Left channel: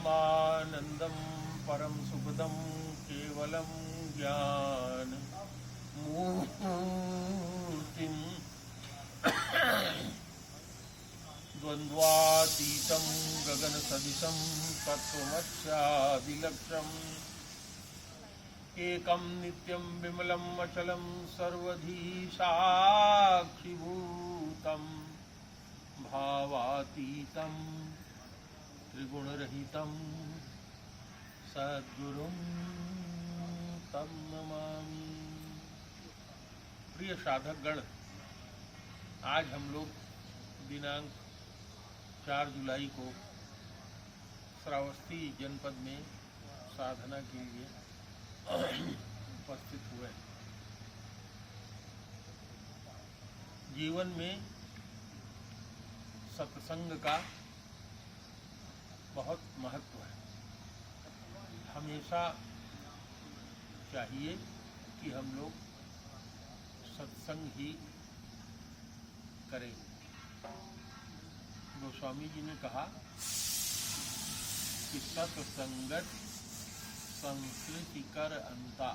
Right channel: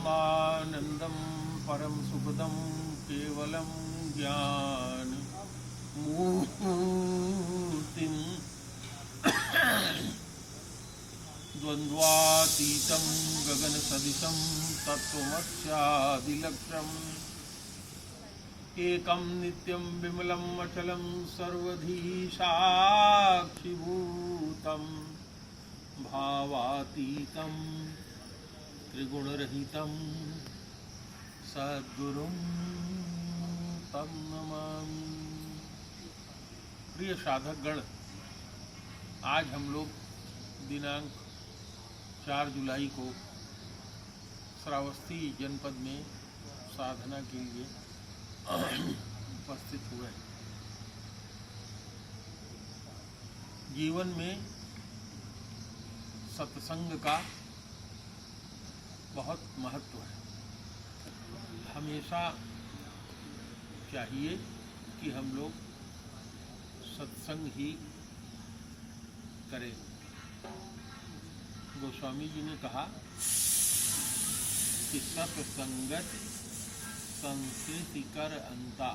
परमानंदं परम सुखदं केवलं ज्ञान मूर्तिं द्वन्द्वातीतं गगनसदृशं तत्त्वमस्यादिलक्ष्यम् एकं नित्यं विमलं अचलं सर्वधी साक्षिभूतं भावातीतं त्रिगुणरहितं सद्गुरुं तं नमामि। प्रिय साधकगण, आज हम लोग दिनांक 4 जुलाई को श्रावस्ती जनपद में साधना के लिए उपस्थित हुए हैं। जीवन में सत्संग का बहुत महत्व है। हमेशा चाहिए कि हम लोग सत्संग ही करें। गोस्वामी जी ने कहा कि सत्संगत संस्कृति कर अंता।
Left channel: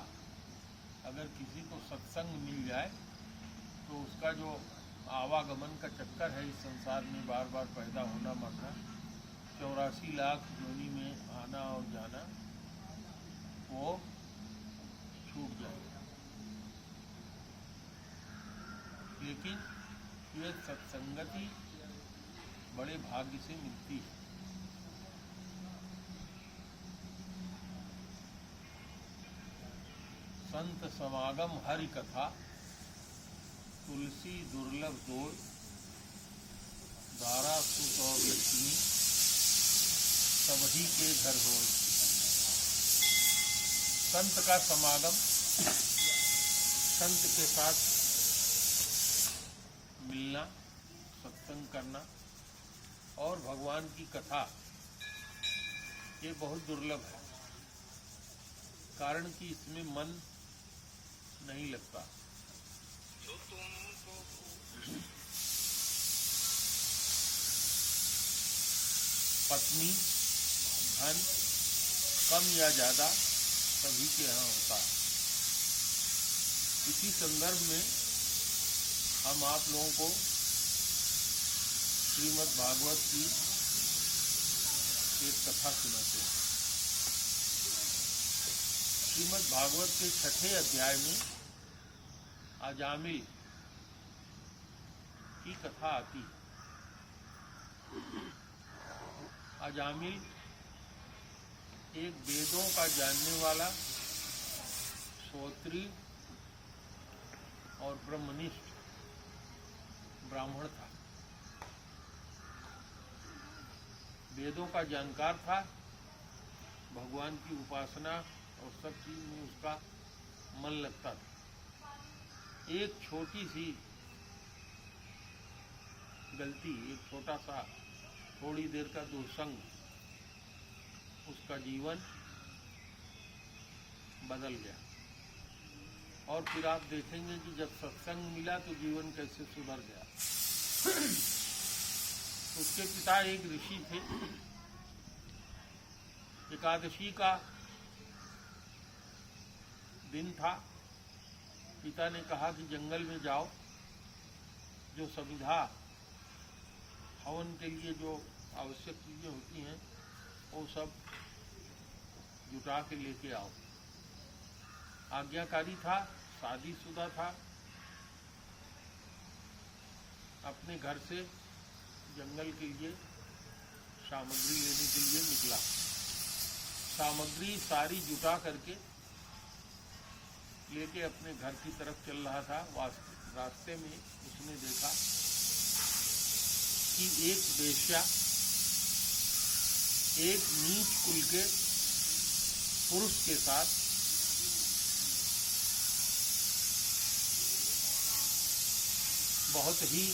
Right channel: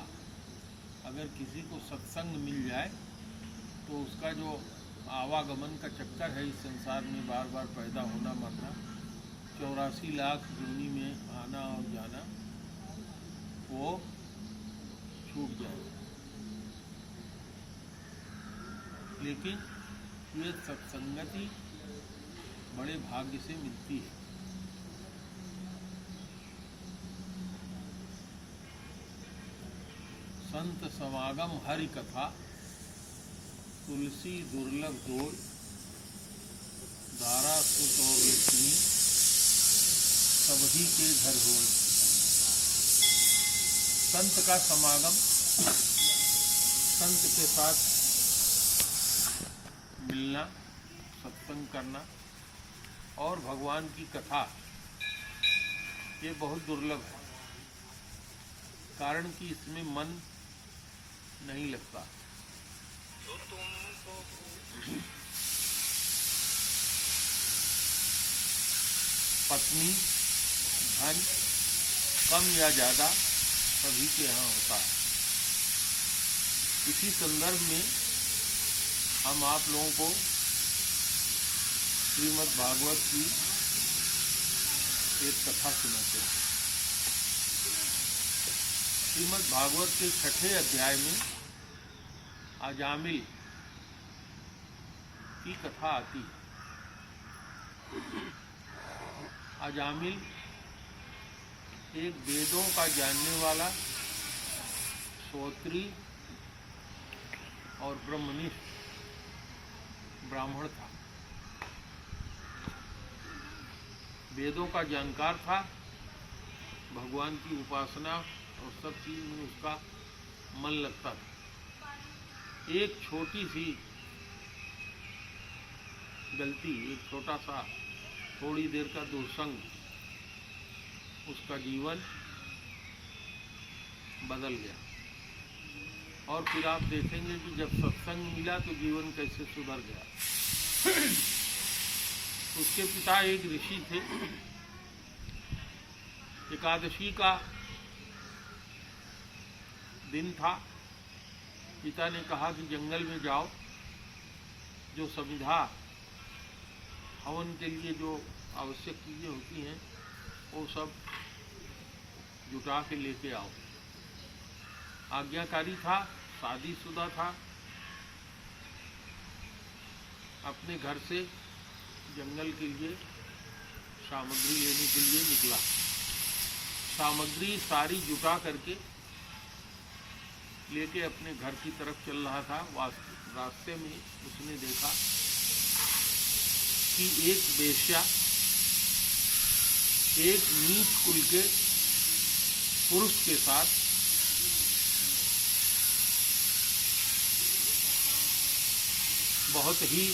अगर किसी को सत्संग मिल जाए तो उसका जो आवागमन का चक्कर है इस संसार में बार बार पैदा होना मरना, 84 लाख योनि में आना और जाना, वो छूट जाएगा। लेकिन ये सत्संगति बड़े भाग्य से मिलती है। संत समागम हरि कथा, तुलसी दुर्लभ दोल, दारा सुत और लक्ष्मी, सबही के घर हो। संत का समागम, संत के साथ मिलना, सत्संग करना और भगवान की कथा, ये बहुत दुर्लभ है। कारण कि इसमें मन नहीं लगता। पत्नी धन कम या ज्यादा सभी के यहाँ होता है। इसी संदर्भ में हम आप लोगों को श्रीमद् भागवत की एक कथा सुनाते हैं। श्रीमद् भागवत के 6ठे अध्याय में अजामिल की कथा आती है। अजामिल एक वेदों का जानने वाला श्रोत्री और ब्रह्मनिष्ठ ब्राह्मण था। वेदों का जानकार था, भगवान की उपासना और सब चीज में उसका मन लगता था। एक छोटी सी गलती, एक छोटा सा थोड़ी देर का दुर्संग उसका जीवन बदल गया। और फिर आप देखेंगे कि जब सत्संग मिला तो जीवन कैसे सुधर गया। उसके पिता एक ऋषि थे। एकादशी का दिन था। पिता ने कहा कि जंगल में जाओ, जो समिधा हवन के लिए जो आवश्यक चीजें होती हैं वो सब जुटा के लेके आओ। आज्ञाकारी था, शादीशुदा था। अपने घर से जंगल के लिए सामग्री लेने के लिए निकला। सामग्री सारी जुटा करके लेके अपने घर की तरफ चल रहा था। रास्ते में उसने देखा कि एक वेश्या एक नीच कुल के पुरुष के साथ बहुत ही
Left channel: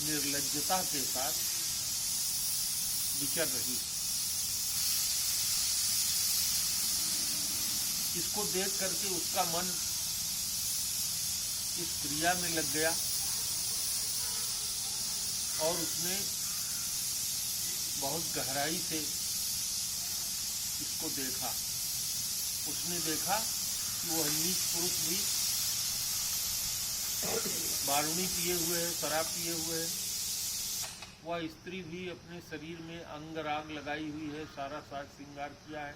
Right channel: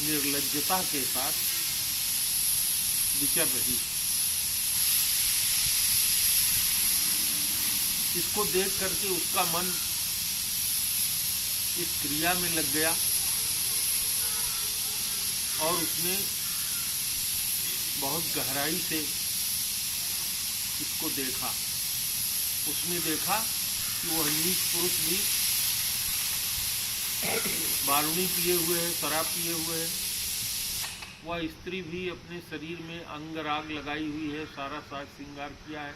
निर्लज्जता के साथ विचर रही। इसको देख करके उसका मन इस क्रिया में लग गया और उसने बहुत गहराई से इसको देखा। उसने देखा कि वह नीच पुरुष भी बारूणी पिए हुए है, शराब पिए हुए है, वह स्त्री भी अपने शरीर में अंग राग लगाई हुई है, सारा साज श्रृंगार किया है,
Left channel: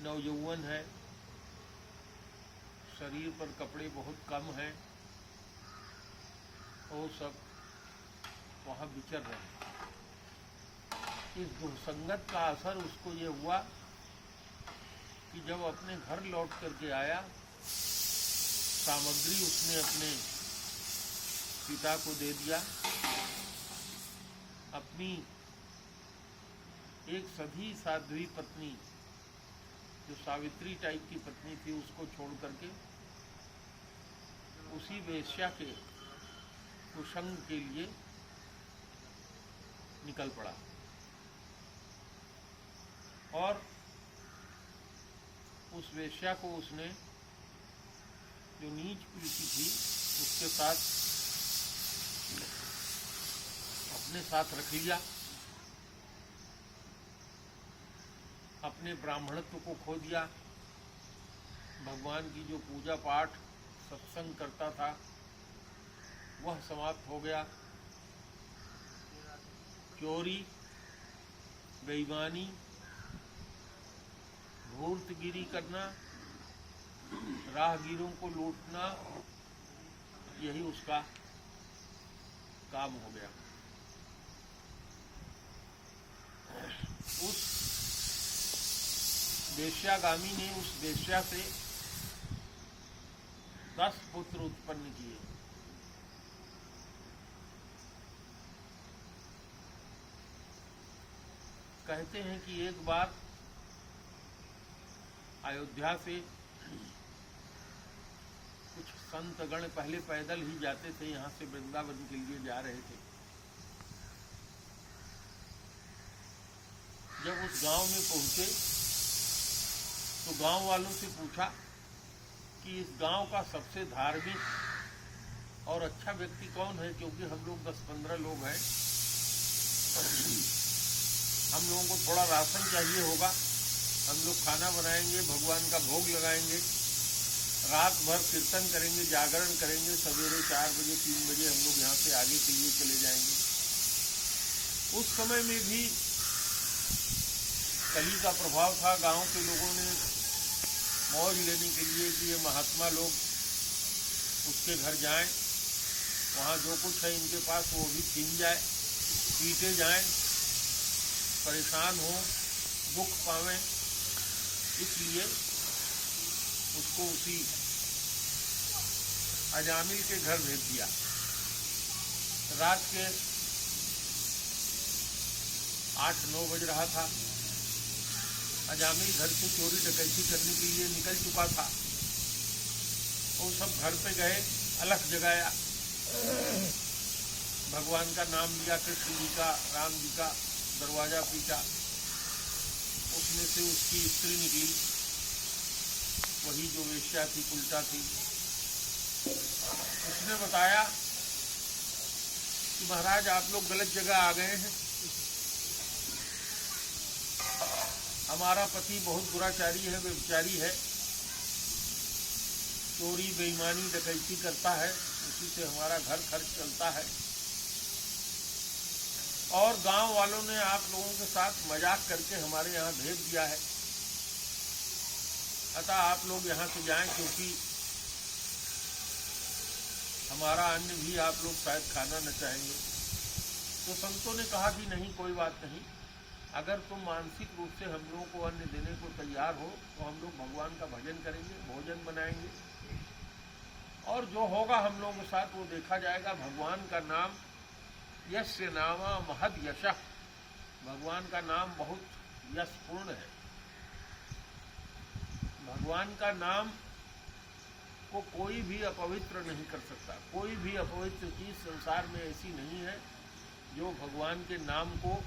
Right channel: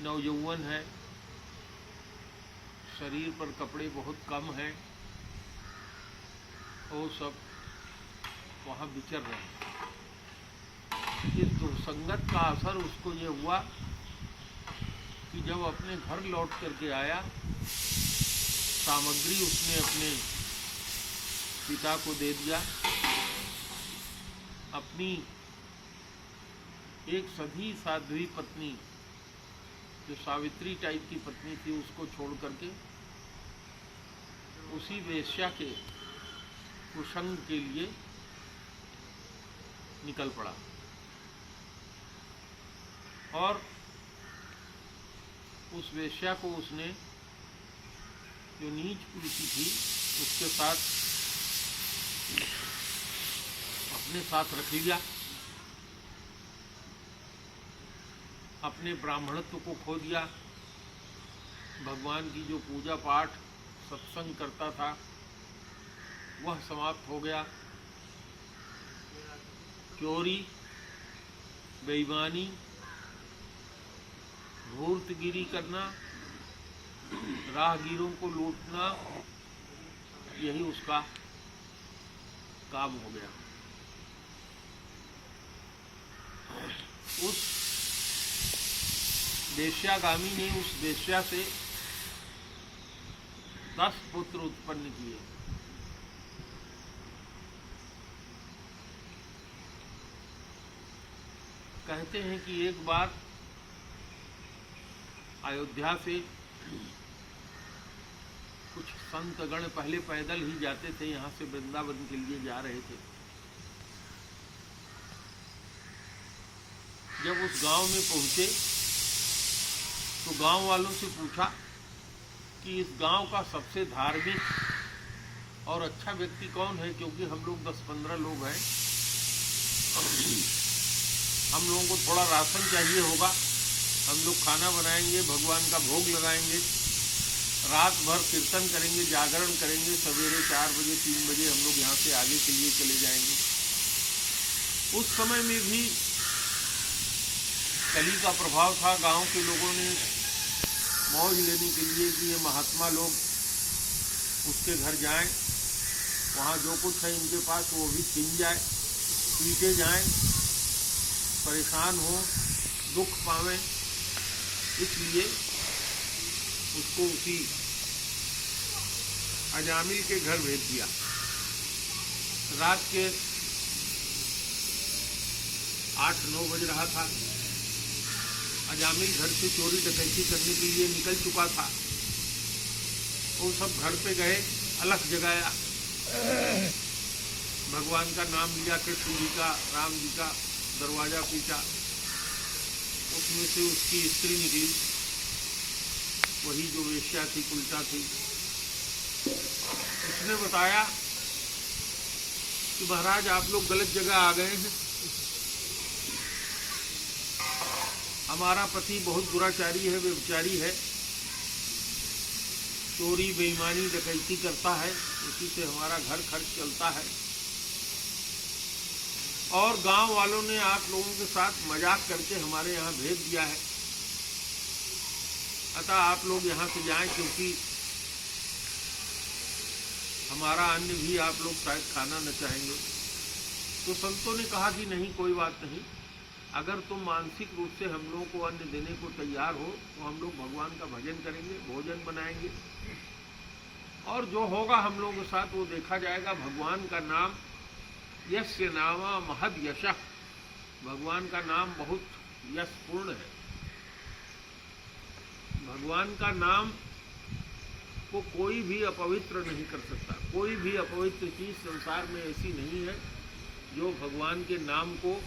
नवयौवन है, शरीर पर कपड़े बहुत कम हैं, वो सब वहाँ विचर रहे हैं। इस दुर्संगत का असर उसको ये हुआ कि जब अपने घर लौट करके आया, सामग्री उसने अपने पिता को दे दिया, अपनी एक सधी साध्वी पत्नी जो सावित्री टाइप की पत्नी थी उसको छोड़ करके उसी वेश्या के कुसंग के लिए निकल पड़ा और उस वेश्या को उसने जो नीच कुलीति थी उसके साथ अपने साथ रख लिया, अपने ब्राह्मणत्व को खो दिया, भगवान की जो पूजा पाठ सत्संग करता था वह समाप्त हो गया। चोरी, बेईमानी, धूर्तगिरी करना, राहगीरों को लूटना, यही उसका काम हो गया। उस वेश्यागामी ने उस वेश्या से 10 पुत्र उत्पन्न किए। कहते हैं कि एक बार अयोध्या से कुछ संतगण पहले पैदल ही जाते थे, यहाँ से वृंदावन के लिए जा रहे थे। जब उस गांव में पहुंचे तो गांव वालों से पूछा कि इस गांव का सबसे धार्मिक और अच्छा व्यक्ति कौन है, क्योंकि हम लोग 10-15 लोग हैं, हम लोगों को थोड़ा राशन चाहिए होगा, हम लोग खाना बनाएंगे, भगवान का भोग लगाएंगे, रात भर कीर्तन करेंगे, जागरण करेंगे, सवेरे 4 बजे 3 बजे हम लोग यहाँ से आगे के लिए चले जाएंगे। उस समय में भी कली का प्रभाव था, गांव के लोगों ने मौज लेने के लिए कि ये महात्मा लोग उसके घर जाएं, वहाँ जो कुछ है इनके पास वो भी छीन जाए, पीटे जाएं, परेशान हो, दुख पावें, इसलिए उसको उसी अजामिल के घर भेज दिया। रात के 8-9 बज रहा था। अजामिल घर से चोरी डकैती करने के लिए निकल चुका था। वो सब घर पे गए, अलख जगाया, भगवान का नाम लिया, कृष्ण जी का, राम जी का, दरवाजा पीटा। उसमें से उसकी स्त्री निकली, वही जो वेश्या थी, उल्टा थी। उसने बताया कि महाराज आप लोग गलत जगह आ गए हैं, हमारा पति बहुत दुराचारी है, व्यभिचारी है, चोरी बेईमानी डकैती करता है, उसी से हमारा घर खर्च चलता है, और गांव वालों ने आप लोगों के साथ मजाक करके हमारे यहाँ भेज दिया है, अतः आप लोग यहाँ से जाएं, क्योंकि हमारा अन्न भी आप लोग शायद खाना न चाहेंगे। तो संतों ने कहा कि नहीं, कोई बात नहीं, अगर तुम मानसिक रूप से हम लोगों को अन्न देने को तैयार हो तो हम लोग भगवान का भजन करेंगे, भोजन बनाएंगे, और जो होगा हम लोगों के साथ वो देखा जाएगा। भगवान का नाम यस्य नामा महद यशः, भगवान का नाम बहुत यशपूर्ण है। भगवान का नाम को कोई भी अपवित्र नहीं कर सकता। कोई भी अपवित्र चीज संसार में ऐसी नहीं है जो भगवान के नाम को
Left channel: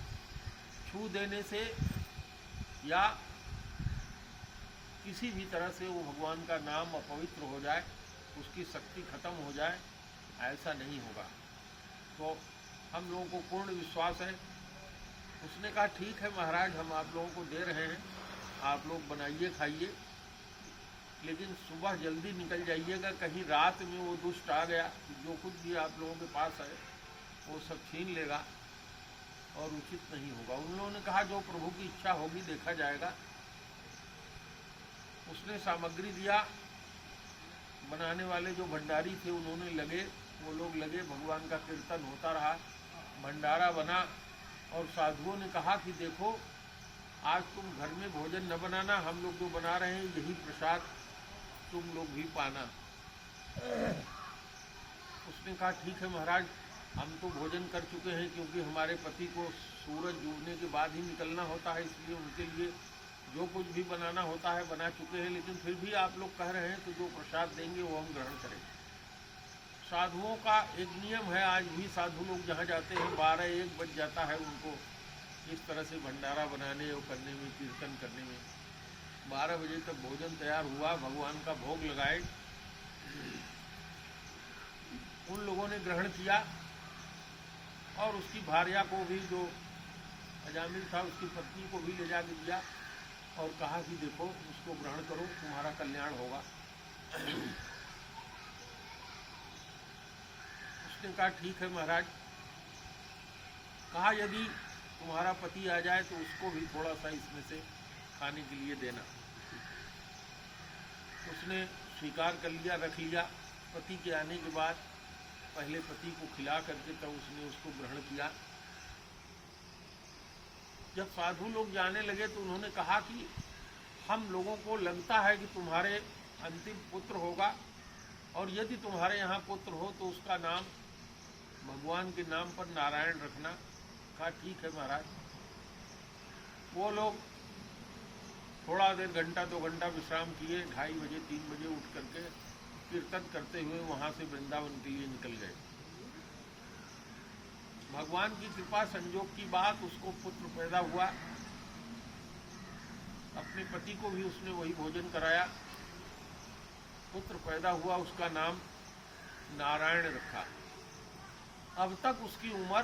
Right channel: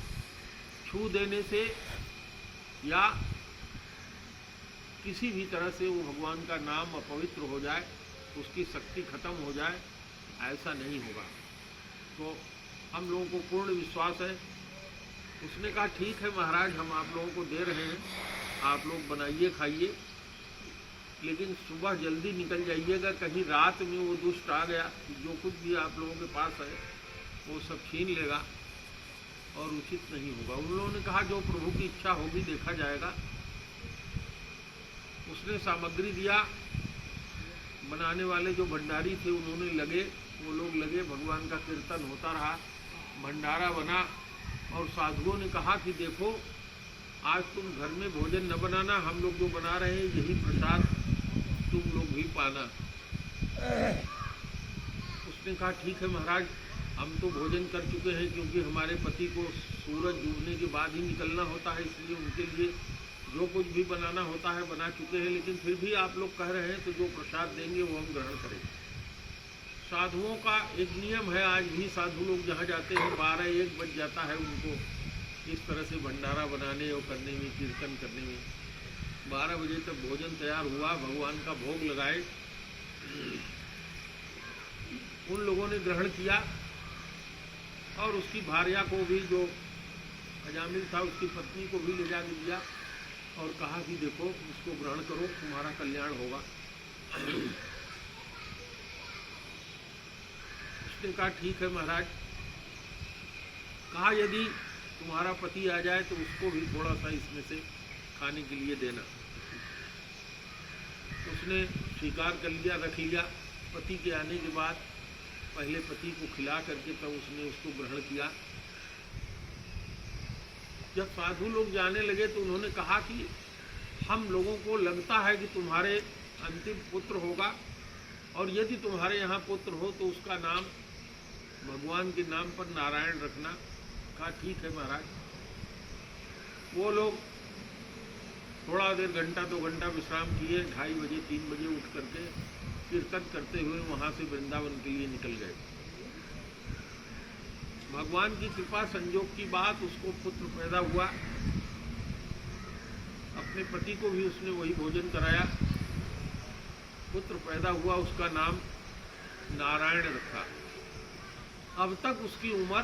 छू देने से या किसी भी तरह से वो भगवान का नाम अपवित्र हो जाए, उसकी शक्ति खत्म हो जाए, ऐसा नहीं होगा। तो हम लोगों को पूर्ण विश्वास है। उसने कहा ठीक है महाराज, हम आप लोगों को दे रहे हैं, आप लोग बनाइए खाइए, लेकिन सुबह जल्दी निकल जाइएगा, कहीं रात में वो दुष्ट आ गया, जो कुछ भी आप लोगों के पास है वो सब छीन लेगा और उचित नहीं होगा। उन लोगों ने कहा जो प्रभु की इच्छा होगी देखा जाएगा। उसने सामग्री दिया, बनाने वाले जो भंडारी थे उन्होंने वो लोग लगे, भगवान का कीर्तन होता रहा, भंडारा बना। और साधुओं ने कहा कि देखो आज तुम घर में भोजन न बनाना, हम लोग जो बना रहे हैं यही प्रसाद तुम लोग भी पाना। उसने कहा ठीक है महाराज, हम तो भोजन कर चुके हैं, क्योंकि हमारे पति को सूरज डूबने के बाद ही निकलना होता है, इसलिए उनके लिए जो कुछ भी बनाना होता है बना चुके हैं, लेकिन फिर भी आप लोग कह रहे हैं तो जो प्रसाद देंगे वो हम ग्रहण करेंगे। साधुओं का एक नियम है, आज भी साधु लोग जहाँ जाते हैं 12-1 बज जाता है उनको इस तरह से भंडारा बनाने और करने में, कीर्तन करने में। 12 बजे तक भोजन तैयार हुआ, भगवान का भोग लगाए, उन लोगों ने ग्रहण किया। और उसकी भार्या को भी, जो अजामिल था उसकी पत्नी को भी ले जाके दिया और कहा कि देखो उसको ग्रहण करो, तुम्हारा कल्याण होगा। उसने कहा ठीक है महाराज। कहा यदि तुम्हारा पति आ जाए तो उसको भी थोड़ा सा इसमें से खाने के लिए देना। उसने स्वीकार कर लिया, रख लिया। पति के आने के बाद पहले पति को खिला करके तब उसने उसको ग्रहण किया। जब साधु लोग जाने लगे तो उन्होंने कहा कि हम लोगों को लगता है कि तुम्हारे अंतिम पुत्र होगा, और यदि तुम्हारे यहाँ पुत्र हो तो उसका नाम भगवान के नाम पर नारायण रखना। कहा ठीक है महाराज। वो लोग थोड़ा देर, 1-2 घंटा विश्राम किए, 2:30 बजे 3 बजे उठ करके कीर्तन करते हुए वहाँ से वृंदावन के लिए निकल गए। भगवान की कृपा संयोग की बात, उसको पुत्र पैदा हुआ। अपने पति को भी उसने वही भोजन कराया, पुत्र पैदा हुआ, उसका नाम नारायण रखा। अब तक उसकी उम्र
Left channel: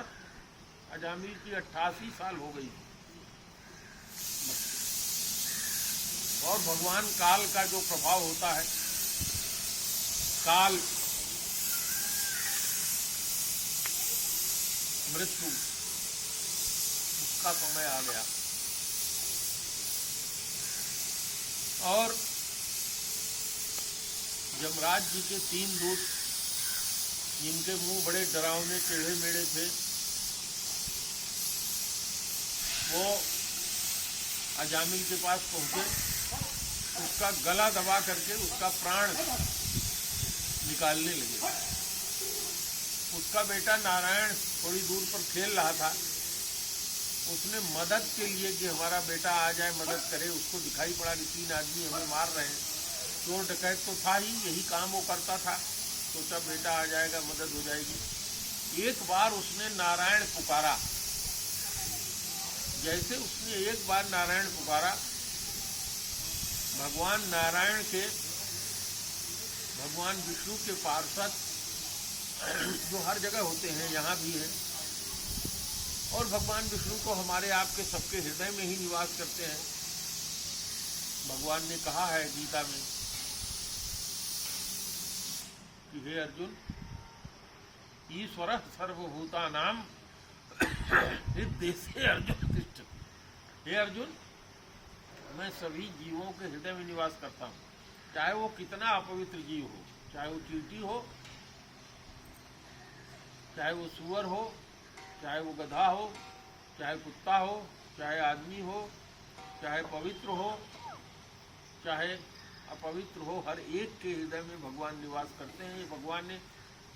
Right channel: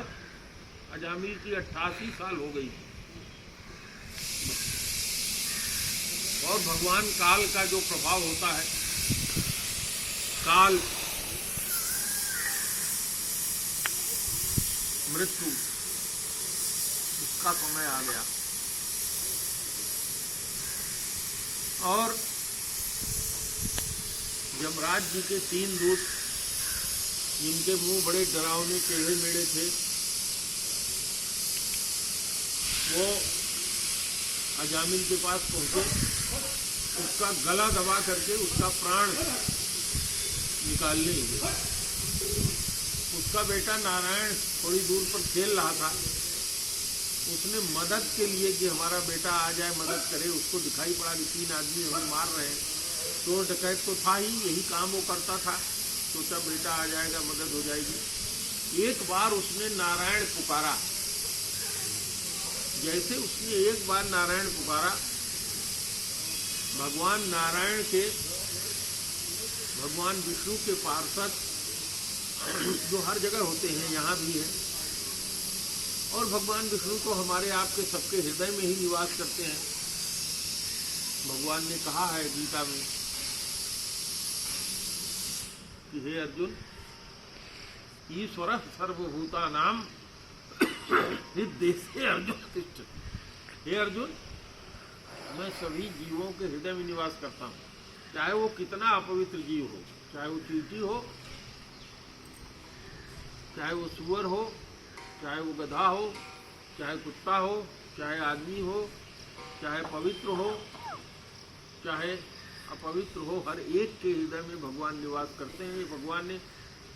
अजामिल की 88 साल हो गई थी। और भगवान काल का जो प्रभाव होता है, काल मृत्यु, उसका समय आ गया। और यमराज जी के 3 दूत, जिनके मुंह बड़े डरावने टेढ़े मेढ़े थे, वो अजामिल के पास पहुंचे, उसका गला दबा करके उसका प्राण निकालने लगे। उसका बेटा नारायण थोड़ी दूर पर खेल रहा था, उसने मदद के लिए कि हमारा बेटा आ जाए, मदद करे, उसको दिखाई पड़ा कि 3 आदमी हमें मार रहे हैं। चोर डकैत तो था ही, यही काम वो करता था, सोचा बेटा आ जाएगा, मदद हो जाएगी। एक बार उसने नारायण पुकारा। जैसे उसने एक बार नारायण पुकारा, भगवान नारायण के, भगवान विष्णु के पार्षद जो हर जगह होते हैं, यहाँ भी हैं, और भगवान विष्णु तो हमारे आपके सबके हृदय में ही निवास करते हैं। भगवान ने कहा है गीता में कि हे अर्जुन, ईश्वर सर्वभूतानां हृदय से अर्जुन तिष्ठति। हे अर्जुन, मैं सभी जीवों के हृदय में निवास करता हूँ, चाहे वो कितना अपवित्र जीव हो, चाहे वो चींटी हो, चाहे वो सूअर हो, चाहे वो गधा हो, चाहे कुत्ता हो, चाहे आदमी हो, चाहे पवित्र हो, चाहे अपवित्र हो, हर एक के हृदय में भगवान निवास करते हैं। भगवान ने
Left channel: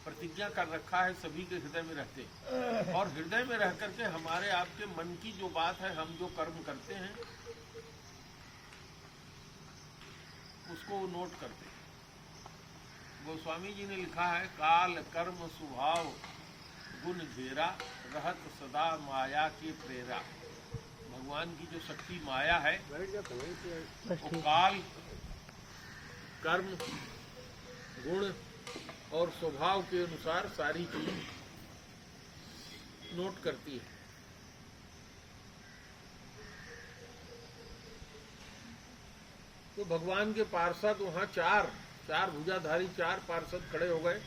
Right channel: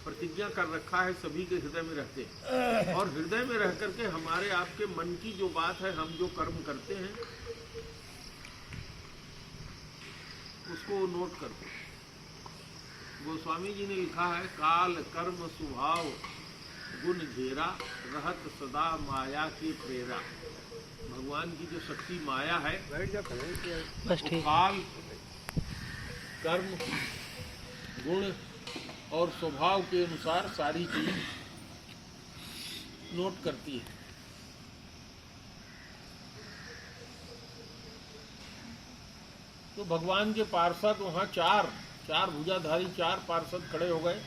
प्रतिज्ञा कर रखा है, सभी के हृदय में रहते हैं। और हृदय में रह करके हमारे आपके मन की जो बात है, हम जो कर्म करते हैं, उसको नोट करते हैं। गोस्वामी जी ने लिखा है, काल कर्म स्वभाव गुण घेरा, रहत सदा माया के प्रेरा। भगवान की जो शक्ति माया है, वो काल, कर्म, गुण और स्वभाव के अनुसार सारी चीज नोट करती है। तो भगवान के पार्षद वहाँ चार भुजाधारी 4 पार्षद खड़े हो गए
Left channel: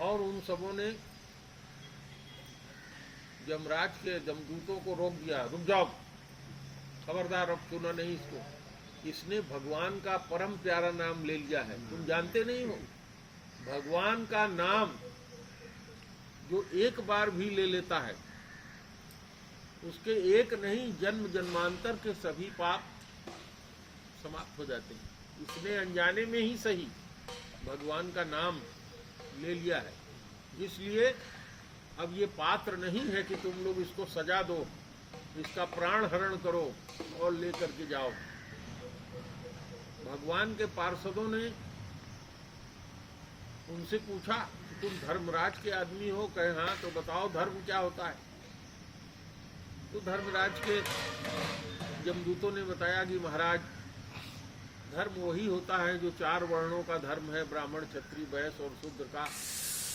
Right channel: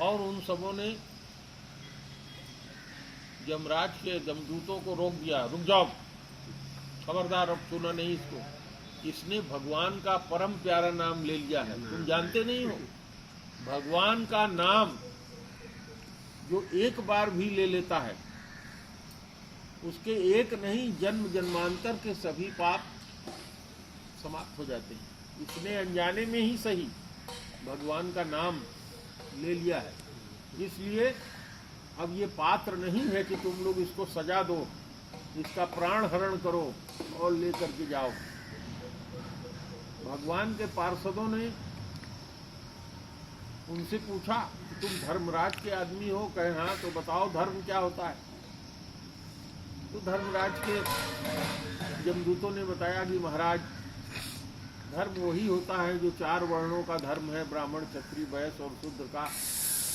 और उन सबों ने यमराज के जमदूतों को रोक दिया। रुक जाओ, खबरदार, अब छूना नहीं इसको। इसने भगवान का परम प्यारा नाम ले लिया है, तुम जानते नहीं हो। भगवान का नाम जो एक बार भी ले लेता है उसके एक नहीं जन्म जन्मांतर के सभी पाप समाप्त हो जाते हैं। इसने अनजाने में ही सही भगवान का नाम ले लिया है, इसलिए अब ये पात्र नहीं है कि तुम लोग इसको सजा दो, इसका प्राण हरण करो और लेकर के जाओ। भगवान के पार्षदों ने उनसे पूछा कि तुम धर्मराज के आदमी हो? कहे हाँ। तो बताओ धर्म क्या होता है? तो धर्मराज के जमदूतों ने बताया कि महाराज, धर्म वही होता है जो 4 वर्णों का धर्म है, ब्राह्मण, क्षत्रिय, वैश्य और शूद्र का।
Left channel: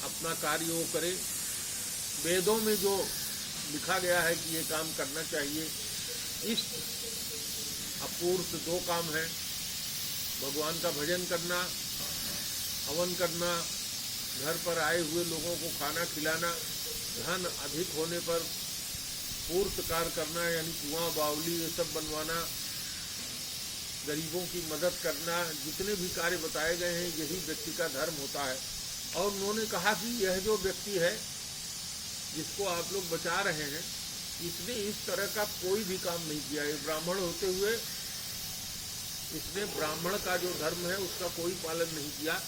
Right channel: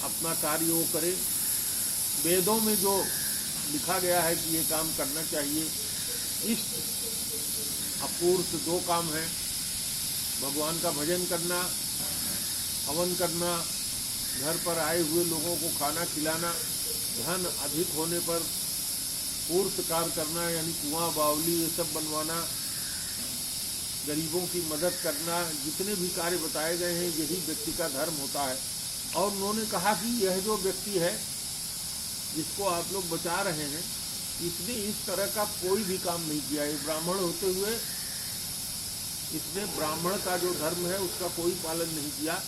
अपना कार्य वो करे। वेदों में जो लिखा गया है कि ये काम करना चाहिए, इष्ट अपूर्त 2 काम है, भगवान का भजन करना, हवन करना, घर पर आए हुए लोगों को खाना खिलाना, धन अधिक होने पर पूर्त कार्य करना यानी कुआं बावली ये सब बनवाना, गरीबों की मदद करना, जितने भी कार्य बताए गए हैं यही व्यक्ति का धर्म होता है। और उन्होंने कहा कि यह जो व्यक्ति है जिसको आप लोग बचा रहे हैं, इसने इस तरह का कोई भी काम नहीं किया है। ब्राह्मण होते हुए इसने ब्राह्मण का जो धर्म है उसका कोई पालन नहीं किया।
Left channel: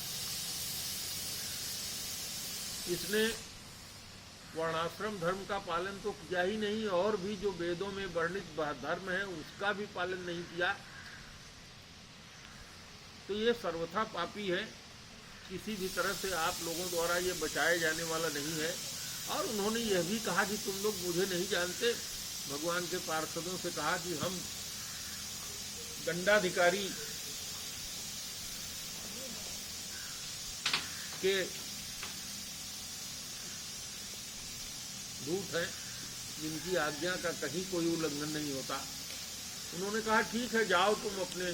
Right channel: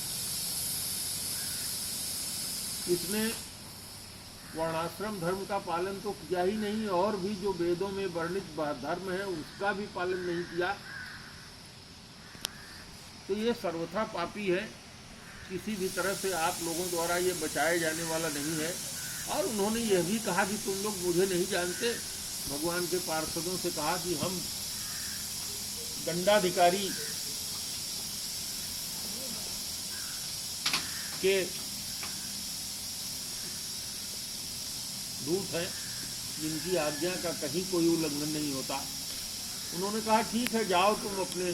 इसने वर्णाश्रम धर्म का पालन तो किया ही नहीं, और भी जो वेदों में वर्णित धर्म है उसका भी पालन नहीं किया। तो ये सर्वथा पापी है, किसी भी तरह से आप लोगों द्वारा ये बचाए जाने वाला नहीं है। और उन्होंने यह भी कहा कि तुम लोग मुझे नहीं जानते। भगवान के पार्षदों से कहा कि हम दंडाधिकारी के दूत हैं, जिनकी आज्ञा का कहीं कोई उल्लंघन नहीं होता। उन्होंने कहा ठीक है, जाओ तुम अपने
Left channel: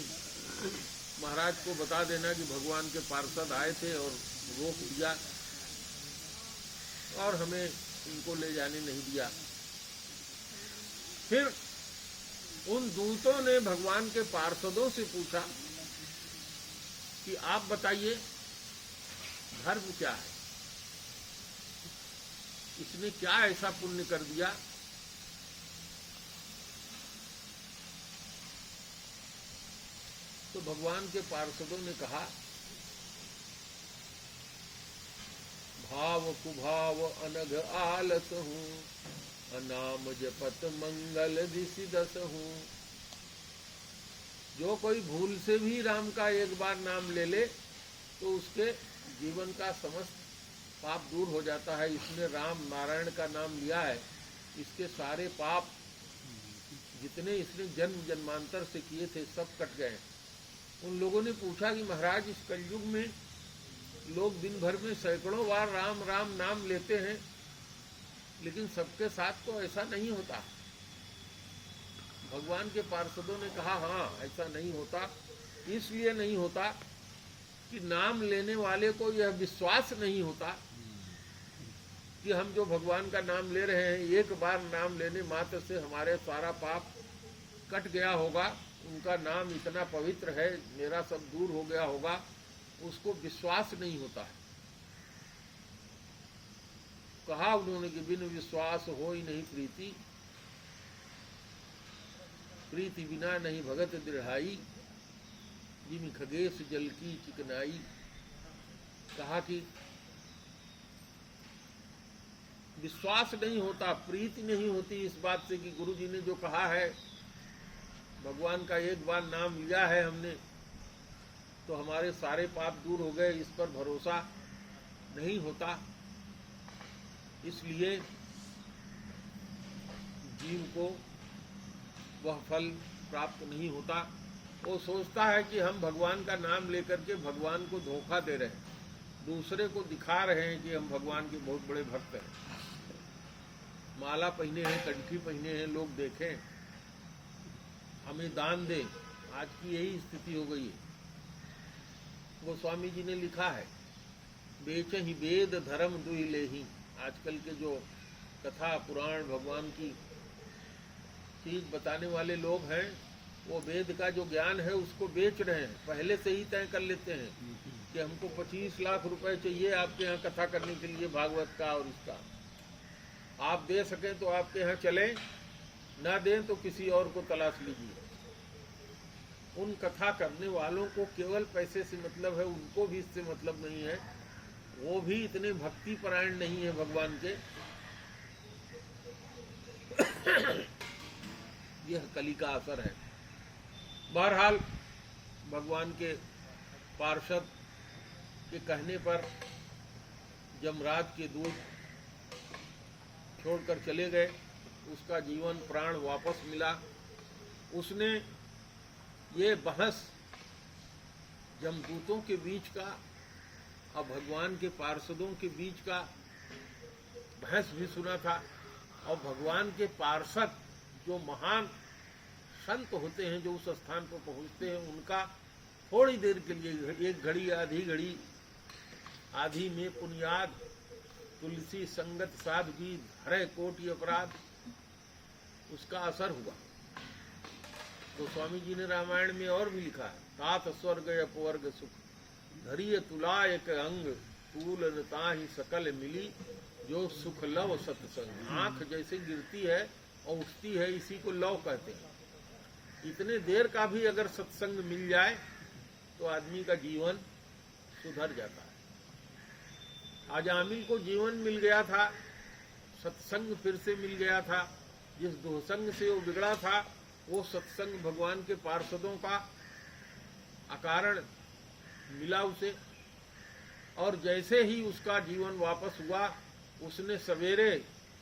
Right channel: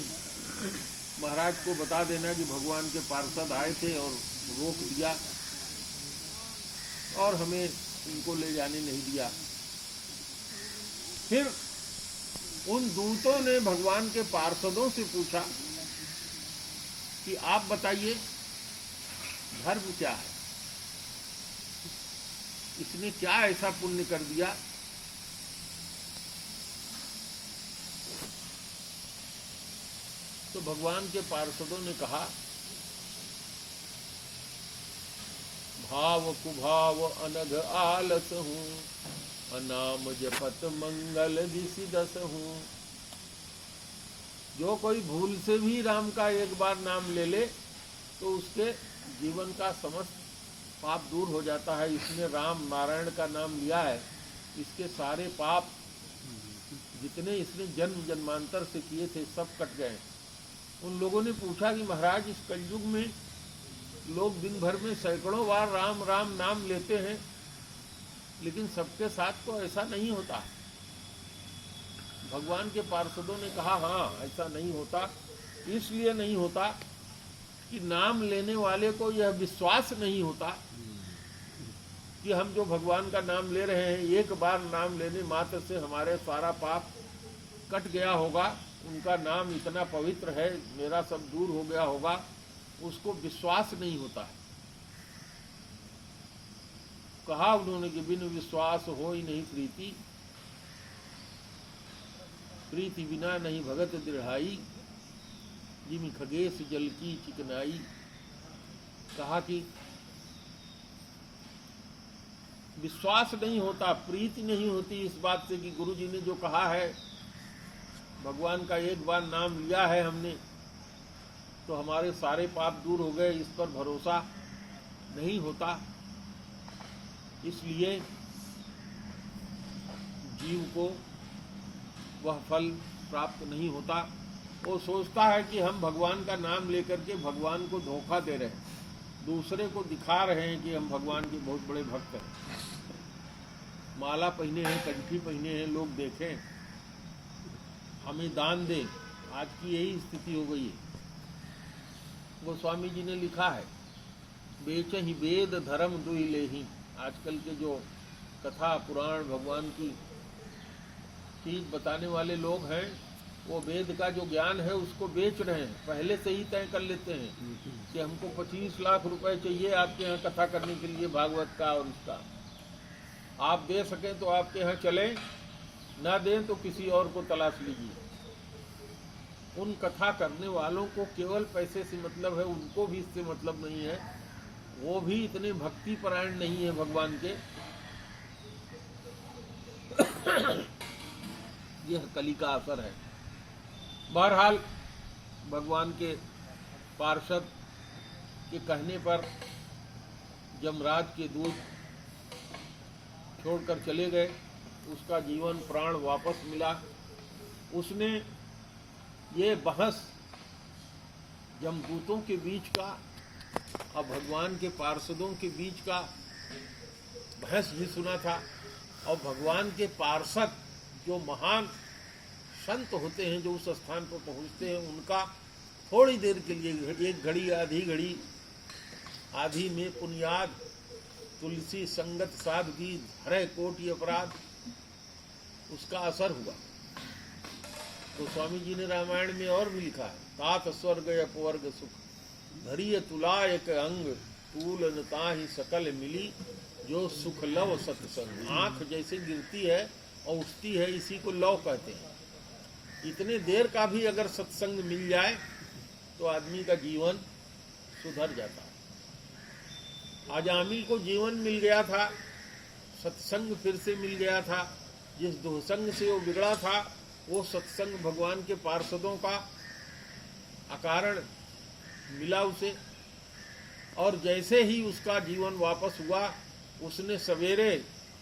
महाराज को बता देना कि भगवान के पार्षद आए थे और रोक दिया और हमें उनको ले जाने नहीं दिया। फिर उन दूतों ने भगवान के पार्षदों से पूछा कि आप बताइए धर्म क्या है, इसने क्या ऐसा पुण्य कर दिया? तो भगवान के पार्षदों ने कहा, भाव कुभाव अनघ आलस हूँ, अनाम जपत मंगल दिशि दस हूँ। जो कोई भूल से भी राम का एक बार नाम ले ले तो उसके जीवन का समस्त पाप दूर हो जाता है। इसने राम नारायण का नाम लिया है, इसके सारे पाप जितने इसने जन्म जन्मांतर से किए थे सब कट गए। उन लोगों ने पूछा कि महाराज, इस कलयुग में लोग दिन भर में सैकड़ों बार राम राम नाम लेते हैं, लेकिन सबके साथ तो ऐसा नहीं होता। भगवान के पार्षदों ने कहा हाँ, ऐसा नहीं होता। इसलिए नहीं होता कि नाम लेने वाले को यह विश्वास नहीं होता कि हम जो भगवान का नाम ले रहे हैं, एक बार नाम लेने मात्र से हमारे सारा पाप कट गया होगा, उनका नाम इतना पवित्र है, मेरा सब दूर हो गया होगा, उसको विश्वास नहीं होता है। कहा उन्होंने कि बिन विश्वास हो ही नहीं प्रीति, प्रीति बिना नहीं भगत दृढ़ाई, जिम खगेश जल की चिकनाई। कहा कि विश्वास नहीं होता, प्रीति नहीं होती इस बात से कि गुरु जी ने जो कहा है, भगवान का एक बार नाम लिया है हमने तो हमारे सारे पाप दूर हो गए, इस पर भरोसा नहीं होता। इसलिए जीव को वह फल प्राप्त नहीं होता। वो सोचता है कि हम भगवान का नाम लेकर के भगवान को धोखा दे रहे हैं, दूसरे को दिखा रहे हैं कि हम भगवान के बहुत बड़े भक्त हैं। माला पहने हैं, कंठी पहने हैं, लोग देखें, हमें दान दें। आज की यही स्थिति हो गई है। गोस्वामी जी ने लिखा है, बेच ही वेद धर्म दुई लेही। आजकल के जो कथा पुराण भगवान की चीज बताने वाले लोग हैं, वो वेद का जो ज्ञान है उसको बेच रहे हैं। पहले से ही तय कर लेते हैं कि हमको 25 लाख रुपए चाहिए आपके यहाँ कथा करने के लिए, भागवत का और इसका। आप दे सकें तो आपके यहाँ चले, ना दें तो किसी और को तलाश लीजिए। उन कथा करने वालों को केवल पैसे से मतलब है, उनको भी इससे मतलब नहीं है। वो भी इतने भक्ति परायण नहीं है भगवान के। यह कली का असर है। बहरहाल भगवान के पार्षद के कहने पर यमराज के दूत छोड़कर चले गए। उसका जीवन प्राण वापस मिला। उसने ये बहस यमदूतों के बीच का और भगवान के पार्षदों के बीच का बहस भी सुना था। और भगवान के पार्षद जो महान संत होते हैं, जो उस स्थान पर पहुंचते हैं, उनका थोड़ी देर के लिए, एक घड़ी आधी घड़ी, आधी में पुण्याद तुलसी संगत साधगी हरे कोटि अपराध, उसका असर हुआ। तो स्वामी जी ने रामायण में और भी लिखा है, तात स्वर्ग अपवर्ग सुख धरिय तुला एक अंग तूल ताहि सकल मिली जो सुख लव सत्संग। आंख जैसे गिरती है और उठती है, इसी को लव कहते हैं। इतने देर का भी अगर सत्संग मिल जाए तो आदमी का जीवन सुधर जाता है। आजामिल को जीवन मिल गया था, सत्संग फिर से मिल गया था। जिस दुसंग से वो बिगड़ा था, वो सत्संग भगवान के पार्षदों का अकारण मिला उसे। और जैसे ही उसका जीवन वापस हुआ, उसने सवेरे,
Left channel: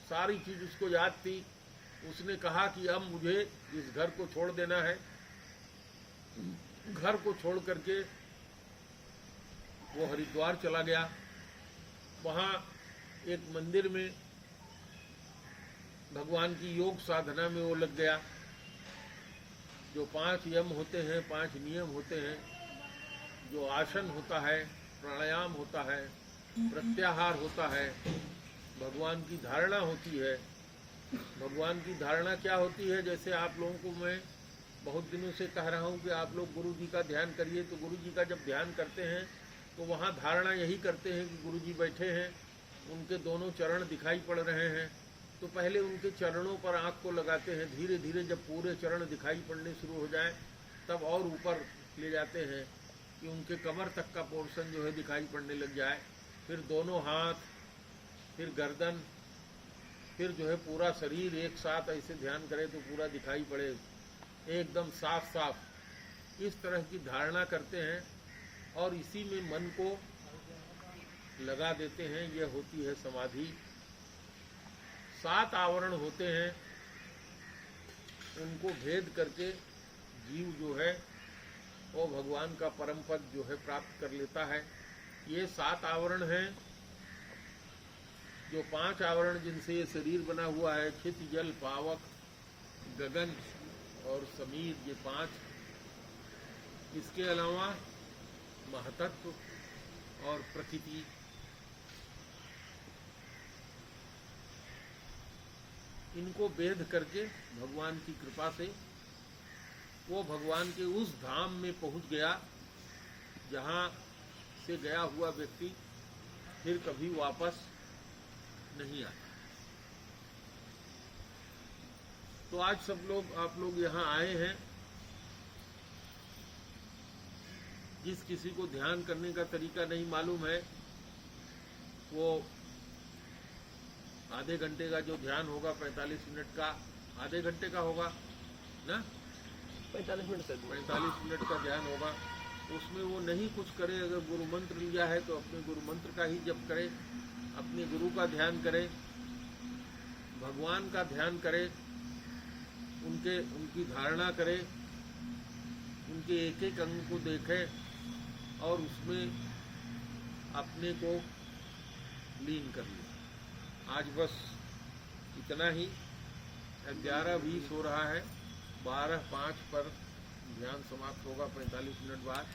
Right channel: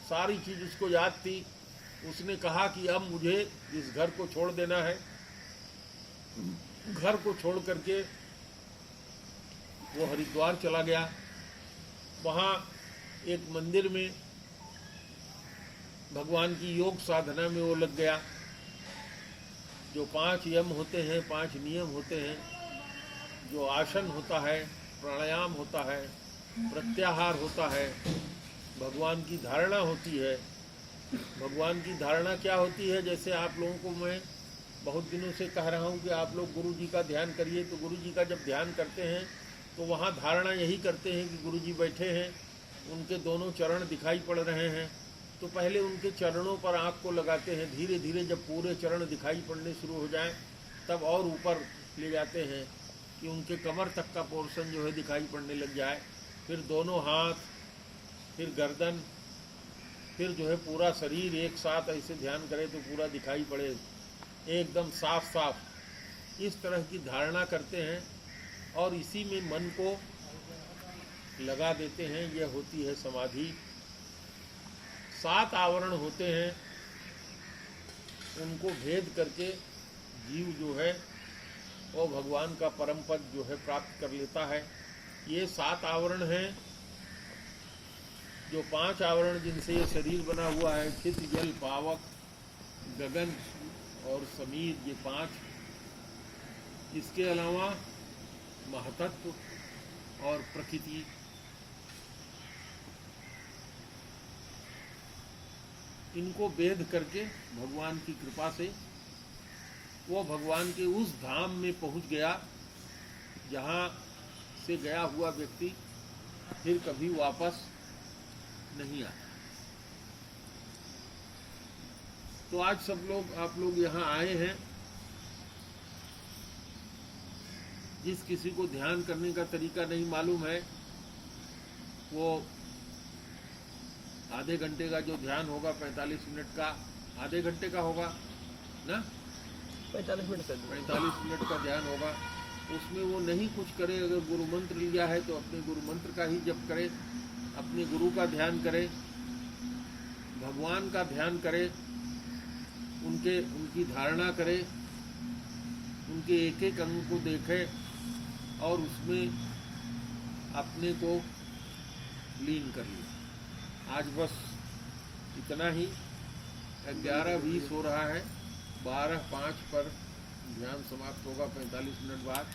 सारी चीज उसको याद थी, उसने कहा कि अब मुझे इस घर को छोड़ देना है। घर को छोड़ करके वो हरिद्वार चला गया। वहाँ एक मंदिर में भगवान की योग साधना में वो लग गया। जो 5 यम होते हैं, 5 नियम होते हैं, जो आसन होता है, प्राणायाम होता है, प्रत्याहार होता है, भगवान की धारणा होती है। भगवान की धारणा क्या होती है? जैसे आप लोगों को मैं बहुत दिनों से कह रहा हूँ कि आप लोग गुरु जी का ध्यान करिए। तो गुरु जी का जब ध्यान करते हैं तो वहाँ धारणा यही करते हैं कि गुरु जी बैठे हैं, उनके दोनों चरण दिखाई पड़ रहे हैं। तो पहले उनके चरणों पर आँख को लगाते हैं। धीरे धीरे जब पूरे चरण दिखाई पड़ने शुरू हो जाए तब और ऊपर ले जाते हैं कि उनके कमर तक का पोर्शन जो है दिखाई पड़ने लग जाए। फिर दोनों हाथ, फिर गर्दन, फिर जो है पूरा शरीर एक साथ ऐसे ध्यान करे तो पूरा दिखाई पड़े, एकदम साफ साफ। इस तरह की धारणा करते हैं और इसी में मन को लगा देते हैं। यह होती है समाधि। 7 आवरण होते हैं, उनको भेद करके जीव जो है वो भगवान का परम पद जो है प्राप्त कर लेता है। ये 7 आवरण हैं। जो 5 आवरण जिनसे ये शरीर बना हुआ है, चित, जल, पावक, गगन और समीर, ये 5। इसके अलावा महतत्व और प्रकृति, इनको भेद करके भगवान की कृपा से वो भगवान के उस धाम में पहुंच गया जहाँ से गया हुआ व्यक्ति फिर कभी वापस नहीं आता। तो आज सब लोग, आप लोग यहाँ आए हैं। जिस किसी को ध्यान करने का तरीका नहीं मालूम है, वो आधे घंटे का जो ध्यान होगा, 45 मिनट का, आधे घंटे का होगा ना, 45 मिनट का ध्यान होगा। उसमें वो नहीं कुछ करे। अगर गुरु मंत्र लिया है तो अपने गुरु मंत्र का ही जप करे, अपने गुरु का ध्यान करे, भगवान का ध्यान करे, उनकी धारणा करे, उनके एक एक अंग को देखे और उसमें अपने को लीन कर ले। आज बस इतना ही। 11:20 हो रहा है, 12:05 पर ध्यान समाप्त होगा 45 मिनट बाद।